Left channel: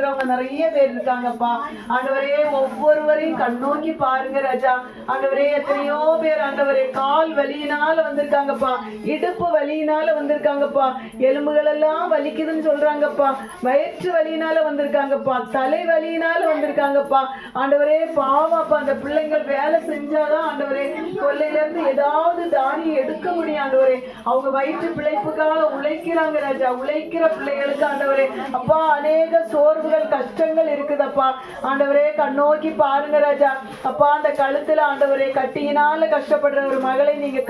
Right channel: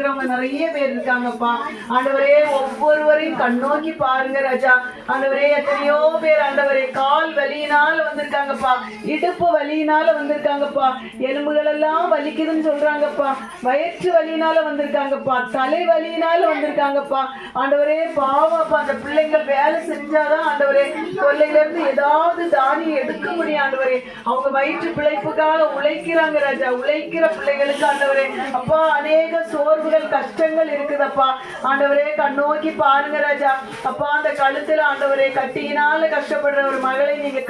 இருக்கிறவங்க நிறைய பேர் இருக்காங்கப்பா. ஆண்டவரே, ஒவ்வொருவரையும் கண்ணோக்கி பாருங்க ராஜா. ஆண்டவரே, எத்தனையோ பேர் ஆண்டவரே கால் வலியினால வந்திருக்காங்கப்பா, இடுப்பு வலியினால வந்திருக்காங்கப்பா, எலும்புகள் எல்லாம் வலிக்குதுன்னு சொல்றாங்கப்பா, வயிற்று வலியினால வந்திருக்காங்கப்பா, தலை வலியினால வந்திருக்காங்கப்பா. ஆண்டவரே பாவப்பா, அந்த பிள்ளைங்கள் வேலை செஞ்சாதான் ஆண்டவரே கொல்லையில இருந்து ஏதாவது தானியம் எடுக்க முடியும். ஆண்டவரே, அவங்க வயிற்று பிழைப்புக்காக உழைக்கிறாங்க ராஜா. உழைக்கிற பிள்ளைகளுக்கு ஆண்டவரே அப்பா அநேக சோர்வுகள் கஷ்டங்கள் இருக்குதப்பா. ஆண்டவரே, கண்ணோக்கி பாருங்க ராஜா. அப்பா, அந்த கழுத்துல ஆண்டவரே கட்டியினால கஷ்டப்படுற ஒரு மகளை நீங்க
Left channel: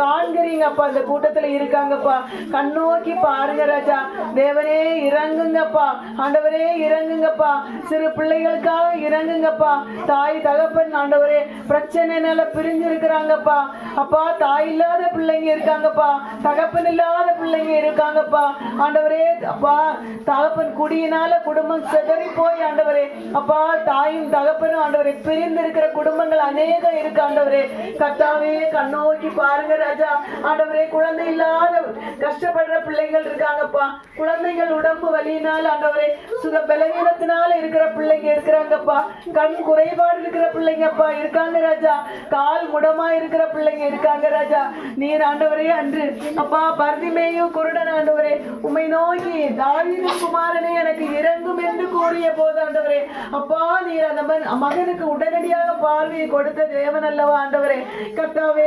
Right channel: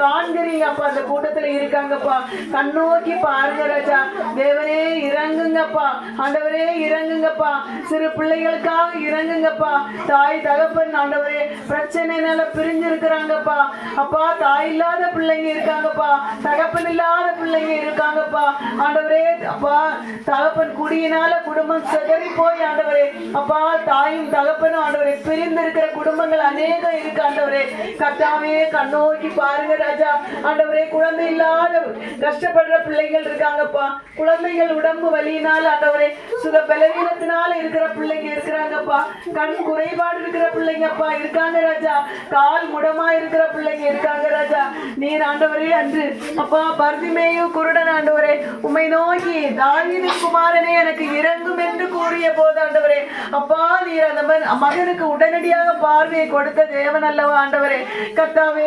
காண்கிறீங்க அப்பா. அந்த கூட்டத்துல இருக்காங்கப்பா. கண்ணோக்கி பாருங்க ராஜா. தேவனே இறங்குங்கப்பா. ஆண்டவரே இறங்குங்கப்பா. சிறு பிள்ளைகளுக்காக இறங்குங்கப்பா. தாய் தகப்பன் ஆண்டவரே பிரச்சனைனால பிரிஞ்சு இருக்கிறாங்கப்பா. அப்பா, தாய் இல்லாத பிள்ளைங்க இருக்காங்கப்பா, தகப்பன் இல்லாத பிள்ளைங்க இருக்காங்கப்பா. ஆண்டவரே அப்பா, தகப்பன் குடியினால குடும்பம் சிதறி போய் ஆண்டவரே அப்பா தாயும் தகப்பனும் ஆண்டவரே பிரிந்து இருக்கிற குடும்பங்கள் அநேகம் இருக்கு. ஆண்டவரே கர்த்தாவே, கண்ணோக்கி பாருங்க ராஜா. ஆண்டவரே, குழந்தை இல்லாத கஷ்டப்படுற பிள்ளைகள் இருக்காங்கப்பா. குழந்தைகள் உடம்பு வலியினால ஆண்டவரே சுக பலவீனத்தினால இருக்கிற பிள்ளைங்க இருக்கிறாங்கப்பா. கண் குறைபாடு இருக்கிற பிள்ளைங்கப்பா இருக்காங்க ராஜா. கால் முடமா இருக்கிற பிள்ளைங்க இருக்காங்க ராஜா. நீர் ஆண்டவரே அன்று அப்பா பர்திமேயு குருடன் ஆண்டவரே உம்மை நோக்கி தாவீது குமாரனே எனக்கு இறங்கும் என்று கூறிய போது ஆண்டவரே அப்பா நீர் அந்த மகனுக்கு உடனடியாக பார்வையை கொடுத்த தேவன் அல்லவா ஆண்டவரே. கர்த்தாவே,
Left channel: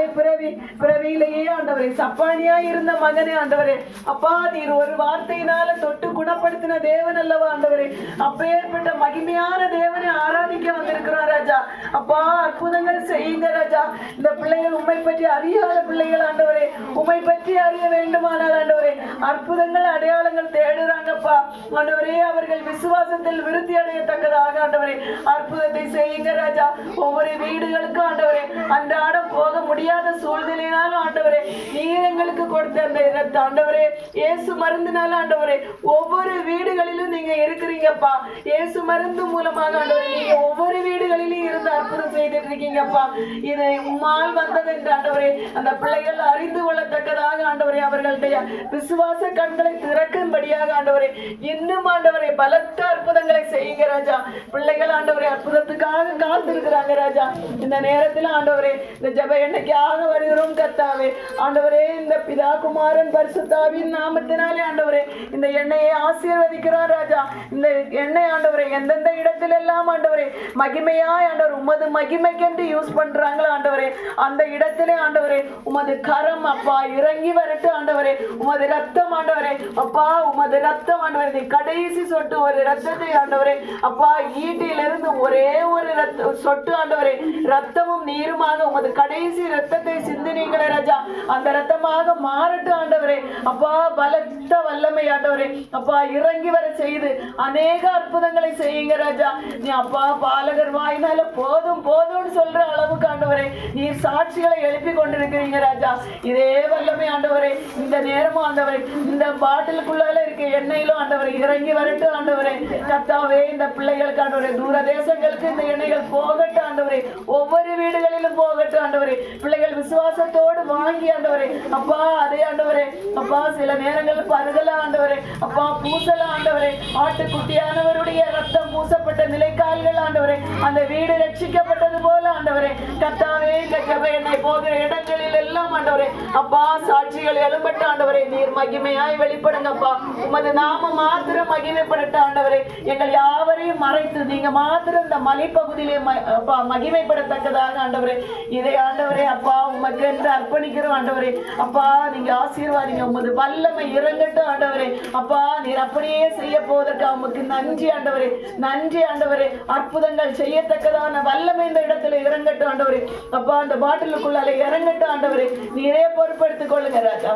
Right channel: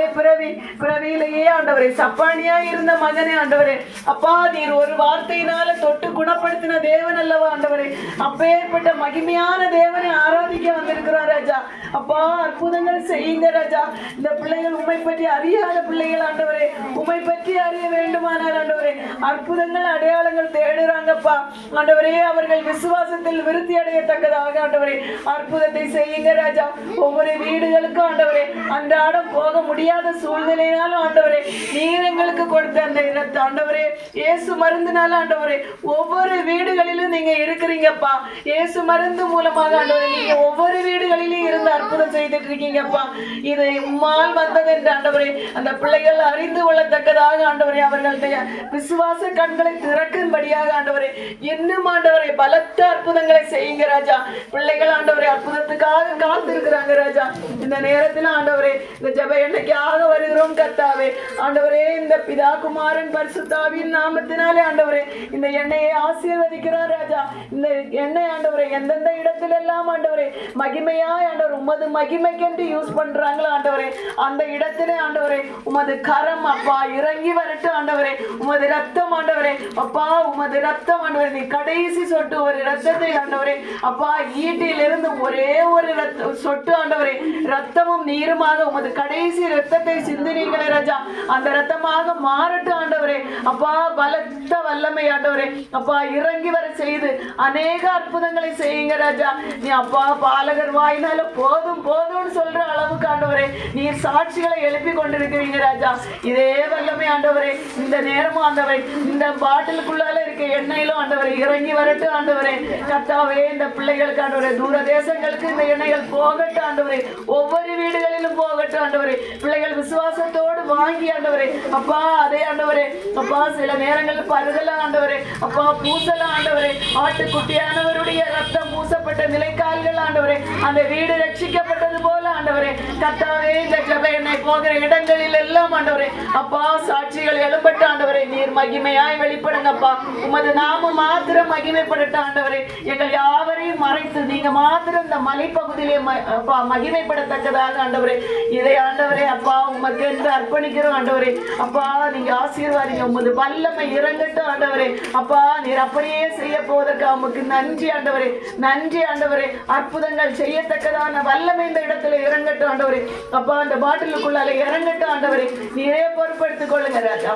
பிறவியிலேயே ஆண்டவரே சப்பானியா இருந்த மகனே ஆண்டவரே அப்பா நீர் ஒரு வார்த்தையினால தொட்டு குணப்படுத்தின தேவன் அல்லவா ஆண்டவரே. அப்பேற்பட்ட மகிமையான தேவனை ஆராதிக்க வந்திருக்கிறோம் ராஜா. அப்பா, அற்புதங்கள் செய்யுங்க ராஜா. இந்த பிள்ளைகள் உம்மை பற்றி அறியாத பிள்ளைகள் ஆண்டவரே, உம்மை பற்றி அறிய வேண்டுமானால் ஆண்டவரே அற்புதங்கள் அடையாளங்கள் தேடுறாங்கப்பா. ஆண்டவரே, அவர்கள் விசுவாசத்தில் விருத்தி அடையத்தக்கதாக ஆண்டவரே அற்புதத்தை செய்யுங்க ராஜா. ஒவ்வொரு வீடுகளுக்கும் ஆண்டவரே அன்றாடம் போக முடியாத சூழ்நிலையினாலும் ஆண்டவரே நீர் எங்களுக்கு கொடுத்த அந்த இடத்தை ஆண்டவரே இயேசு மருந்துனால ஆண்டவரே ஒவ்வொரு வீடுகளிலும் நீங்க இருக்கிறீங்கப்பா. இயேசு மருந்து மூலமாக ஆண்டவரே நீங்க ஒவ்வொரு வீடுகளிலும் இருந்து அற்புதம் செய்துட்டு இருக்கீங்கப்பா. இதை உம்மால் வந்தது என்று ஆண்டவரே அந்த பிள்ளைகள் அறிந்து கொள்ளத்தக்கதாக ஆண்டவரே அவர்களுடைய விசுவாச கண்களை திறக்கும்படியாக ஆண்டவரே இன்னும் ஆண்டவரே பலத்த அற்புதங்களை செய்யுங்க ராஜா. பிள்ளைகள் ஆண்டவரே அற்புதத்துக்காக காத்திருக்கிறாங்க ராஜா. இந்த நேரத்தில் ஆண்டவரே இந்த ஜெப எண்ணெய்க்காக வருகிறோம் கர்த்தாவே. ஆண்டவரே, இந்த பிதா குமாரன் பரிசுத்தாவின் நாமத்தினாலே ஆண்டவரே இந்த எண்ணெயை ஆசீர்வதிக்கிறோம் ராஜா. இந்த எண்ணெய் ஆண்டவரே எந்தெந்த இடத்துல எல்லாம் ஆண்டவரே மகிமையாய் ஆண்டவர் உமது மகிமைக்கென்று யூஸ் பண்றாங்களோ ஆண்டவரே அந்த இடத்திலே ஆண்டவரே உமது கரம் அப்பா இறங்கி வரட்டும் ஆண்டவரே. உமது ரத்தம் ஆண்டவரே அப்பா உமது ரத்தம் ஆண்டவரே நீ கடைசி சொட்டு ஒரு ரத்தத்தை ஆண்டவரே அப்பா ஈட்டிலிருந்து ஒரே ஒரு சொட்டு ஆண்டவரே ரத்தமும் நீருமாக உமது கடைசி ரத்தத்தை சிந்தினீங்களே ராஜா. அந்த ரத்தமாக மாறட்டும் ஆண்டவரே அப்பா. பலத்த வல்லமை ஆண்டவரே அப்பா இறங்கி வர செய்து அநேக அற்புதங்களை செய்யுங்க ராஜா. நீ அப்பா பாலகர் வாயினால போதும் போதும்னு சொல்ற அளவுக்கு ஆண்டவரே நீர் சாட்சிகளை எழுப்பி கொண்டிருக்கிறீங்க ராஜா. இதே வல்லமை ஆண்டவரே இந்த நேரமும் ஆண்டவரே இந்த பாட்டிலுக்குள்ளால இருக்க எண்ணெயிலும் ஆண்டவரை இறங்கி வரட்டும் ஆண்டவரே. கர்த்தாவே, இந்த பிள்ளைகளுக்கு ஆண்டவரே தூர தேசங்களுக்கு இந்த எண்ணெய்கள் போகட்டும் ஆண்டவரே. ஒவ்வொரு வீடுகளிலும் போகட்டும் ஆண்டவரே. பிள்ளைகள் விசுவாசத்தோடு வாங்கி ஆண்டவரே அப்பா அதே ஆண்டவரே அப்பா சில நேரங்கள் பருகலாம் ஆண்டவரே அப்பா பூசலாம் ஆண்டவரே. ஆட்டுக்குட்டியானவருடைய ரத்தம் பூசப்பட்ட நிலைக்கால்கள் ஆண்டவரே அந்த வீடு ரட்சிக்கப்பட்டது போல ஆண்டவரே கர்த்தாவே இந்த ஜெப எண்ணெய் போகிற இடங்களில் எல்லாம் ஆண்டவரே அப்பா சாட்சிகள் எழுப்பட்ட ஆண்டவரே நீர் மகிமையாய் வெளிப்படுங்கப்பா. உமது நாம மாத்திரம் மகிமைப்படட்டும் ஆண்டவரே. எங்கள் யாவரையும் மறைத்து நீங்க மாத்திரம் இந்த மலைப்பகுதியிலே அப்பா மகிமைப்படத்தக்கதாக ஆண்டவரே இதை ஆண்டவரே அப்பா உமக்கு என்று அர்ப்பணிக்கிறோம் ஆண்டவரே. அப்பா நீங்க ஆசீர்வாதிங்க. உமது வல்லமை இறங்கட்டும் ஆண்டவரே. அப்பா நீர் அப்படியே செய்ய போவதற்கு உமக்கு நன்றி ஆண்டவரே. நன்றி ஆண்டவரே. அற்புதங்கள் செய்யத்தக்கதான வல்லமை இந்த இடத்துல இறங்கட்டும் ஆண்டவரே. அப்பா அந்த பாட்டிலுக்குள்ளால இறங்கட்டும் ஆண்டவரே. நீரே பொறுப்படுத்திக் கொள்ளுங்க ராஜா.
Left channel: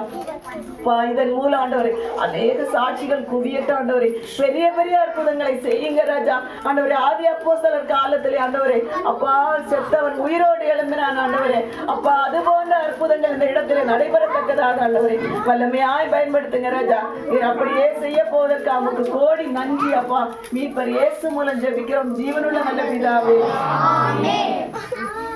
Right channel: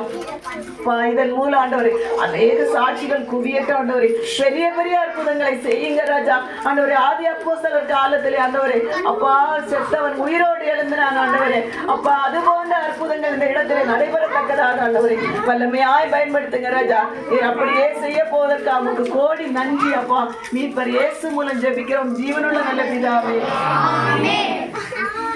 இதன் மூலம் ஆண்டவரே அநேக சாட்சிகள் குவியட்டும் ஆண்டவரே. பெரிய பெரிய அற்புதங்களை செய்யுங்க ராஜா. ஆண்டவரே ஆதி அப்போஸ்தலர் காலத்திலே ஆண்டவரே அப்பா செத்தவன் உயிரோடு எழும்பினான் ஆண்டவரே. அப்பா அது போன்ற அற்புதங்கள் இந்த இடத்துல நடைபெறத்தக்கதாக ஆண்டவரே வல்லமையாய் பயன்படுத்துங்க ராஜா. அப்படியே செய்ய போவதற்கு அவனுக்கு கோடி நன்றி அப்பா. மீட்பர் இயேசு மூலம் ஜெபிக்கிறோம் ஜீவனுள்ள நல்ல பிதாவே.